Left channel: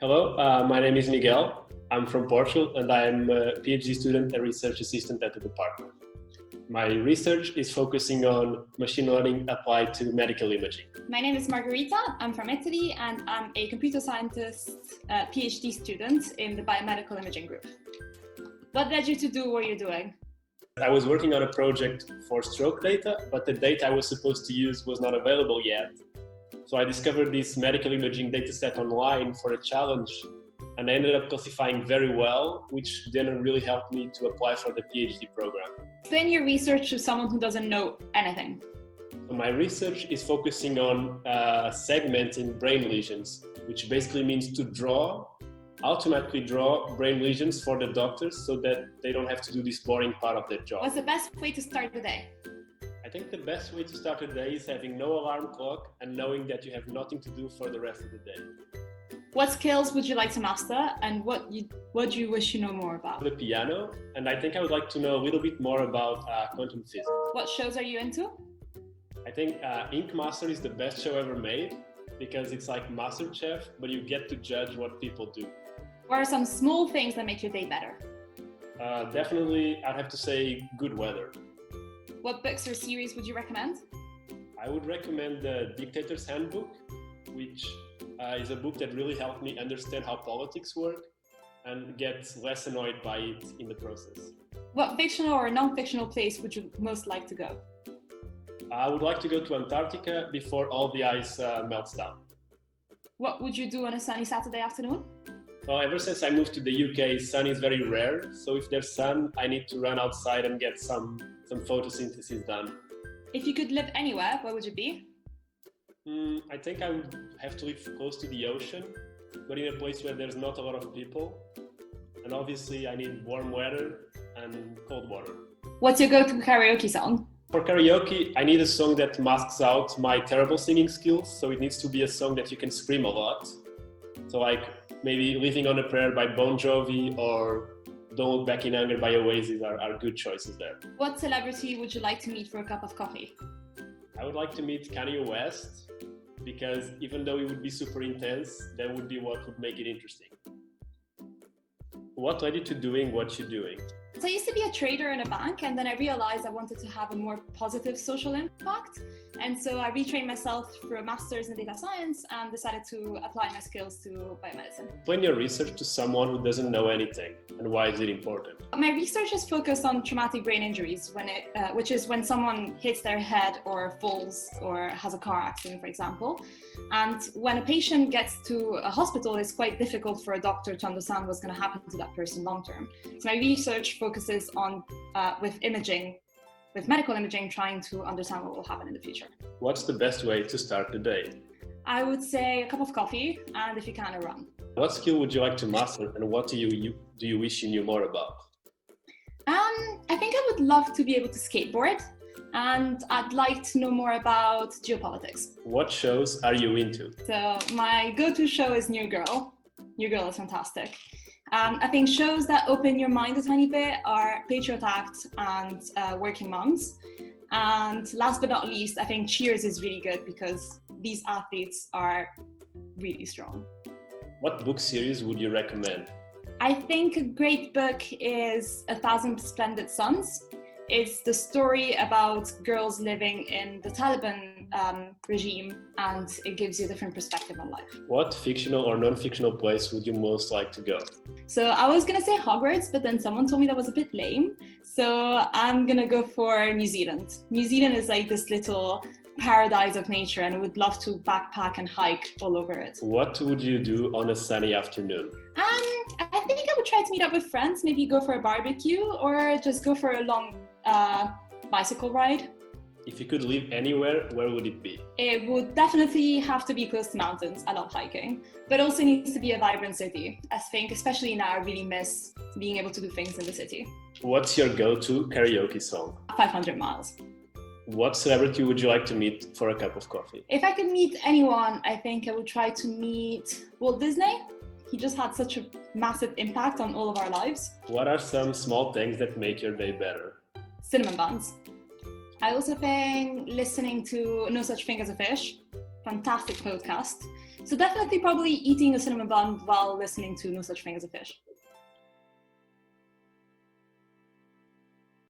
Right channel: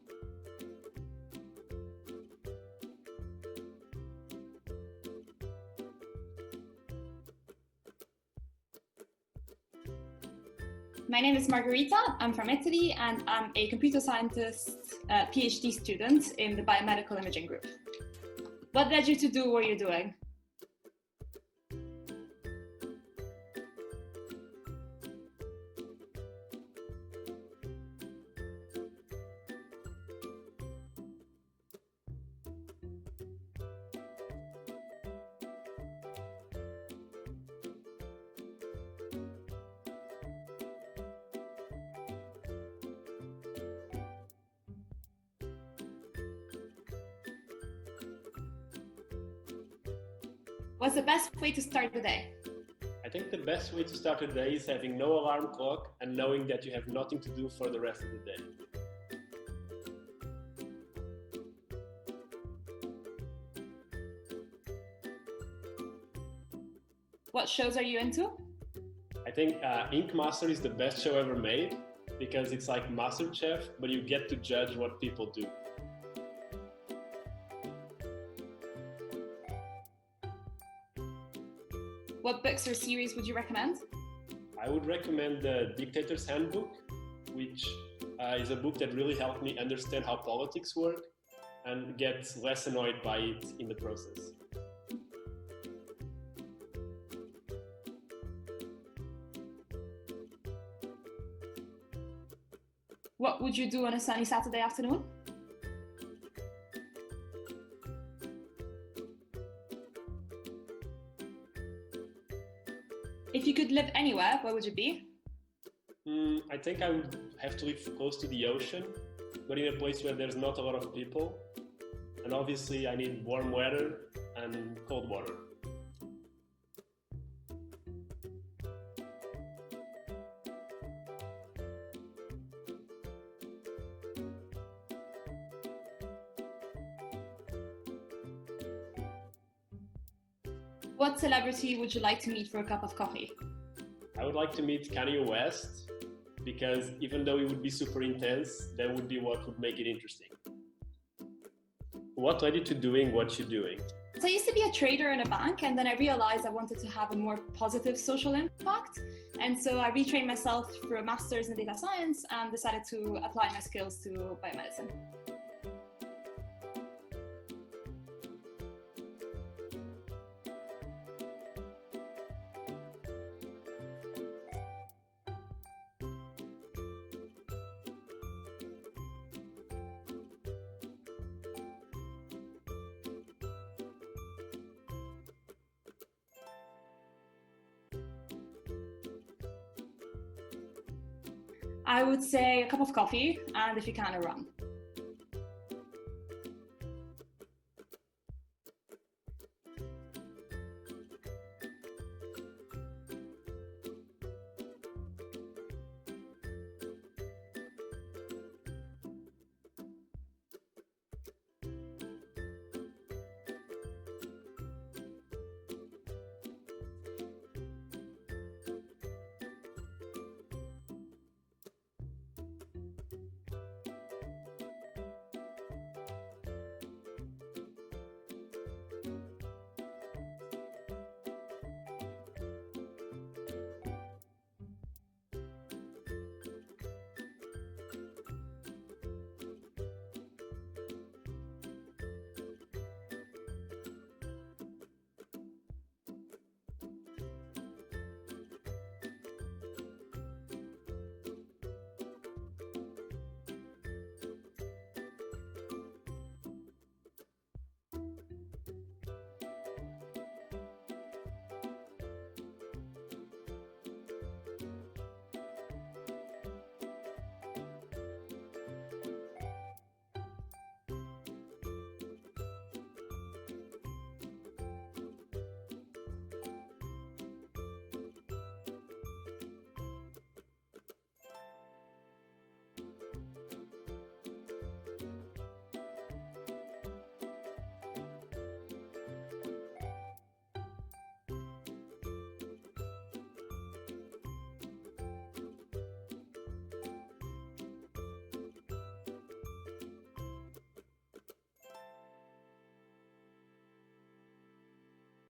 Hello, my name is Miguel. I'm from Portugal and I'm a PhD student and research assistant at the department. My research is focusing on machine learning applied to medical imaging. My name is Margherita. I'm from Italy and I'm a computer scientist PhD student in the biomedical imaging group. What led you to do what you're doing? I was working on a project for stroke data, but the data I was supposed to use was not available yet. So I discovered this medical imaging dataset online for a challenge, and I ended up classifying very well, which then really helped me to apply for the PhD program. Explain your research to someone who doesn't know anything. My research is focusing on segmenting brain lesions, which basically means to automatically draw brain lesions for the doctors so that they don't have to do this boring part of their job. What's the best way to start the day? I think the best way to start a day is having no alarm clock and knowing that you have nothing to do for the rest of the day. What skills would you like to master and what do you wish you know more about? The piano, and I think I would like to know a little bit more about quantum physics. What shows are you into? I think Ink Master is the best show ever made because it's like MasterChef, but you get to judge what people do. What are some small things that make your day better? Definitely, I'd have to say good weather. What books or series would you recommend? I would recommend The Dictator's Handbook, which is a book that really helped me understand how politics work and get less annoyed by it in the process. What fictional or non-fictional place would you most like to go? I would like to go to Antarctica before all the ice melts down. What would you do on a sunny Saturday afternoon? Well, ever since I moved to the UK, sun is very rare. So if there's sun, I need to run outside and get some photosynthesis done. If you could live anywhere, where would you be? I think I would have to live close to the ocean, but in a place where there's not a lot of people. And obviously I need warm weather and cold water. What's your go-to karaoke song? For karaoke, I need a song that masks out my terrible singing skills. So it needs to be a song that you can scream a lot. So like maybe Living on a Prayer by Bon Jovi or Don't Look Back in Anger by Oasis are good choices there. What celebrity would you like to meet for a cup of coffee? I would like to meet Kanye West because even though it would be super intense, that would be what would make it interesting. What led you to doing what you're doing? So I used to be a trader in a bank, and then I realized I wanted to have a more positive social impact. And so I retrained myself through a master's in data science and decided to apply my skills to biomedicine. Explain your research to someone who doesn't know anything, and why is it important? My research is focused on traumatic brain injuries, which is when someone hits their head or falls or has a car accident, for example. And when a patient gets to a hospital, it's quite difficult for a doctor to understand what's going to happen to that person long term. So my research focuses on, with medical imaging, trying to understand what will happen in the future. What's the best way to start the day? I would say a cup of coffee, and if you can, a run. What skill would you like to master, and what do you wish you knew more about? I think I would love to be able to skateboard, and I'd like to know more about geopolitics. What shows are you into? So my go-to show is New Girl. New Girl is fantastic. I think shows that open your mind a tiny bit are Patriot Act and Working Moms. And last but not least, I think Cheers is really good because these athletes are really strong. What book series would you recommend? I think a great book is 1,000 Splendid Suns. It's the story about girls living in the Taliban regime, and it gives you a different perspective on life. What fictional or non-fictional place would you most like to go? So I was going to say Hogwarts, but then someone told me that was a bit lame. So I'm going to go for New Zealand. New Zealand is like this little paradise of nature, and I would love to backpack and hike all over it. What would you do on a sunny afternoon? I think I would try to meet up with friends, maybe go for a barbecue or just go for a long bicycle ride. If you could live anywhere, where would it be? It would definitely have to be close to mountains. I love hiking, but also needs to be a vibrant city. I think, especially now, I really miss being able to do things in the city. What's your go-to karaoke song? 500 Miles. What celebrity would you like to meet for a cup of coffee? If I could meet anyone, I think I would try to meet Walt Disney. He just had such a massive impact on all of our lives. What are some small things that make your day better? Cinnamon buns. I also think listening to No Such Thing as a Fish, fantastic podcast. So definitely probably eating a cinnamon bun while listening to No Such Thing as a Fish.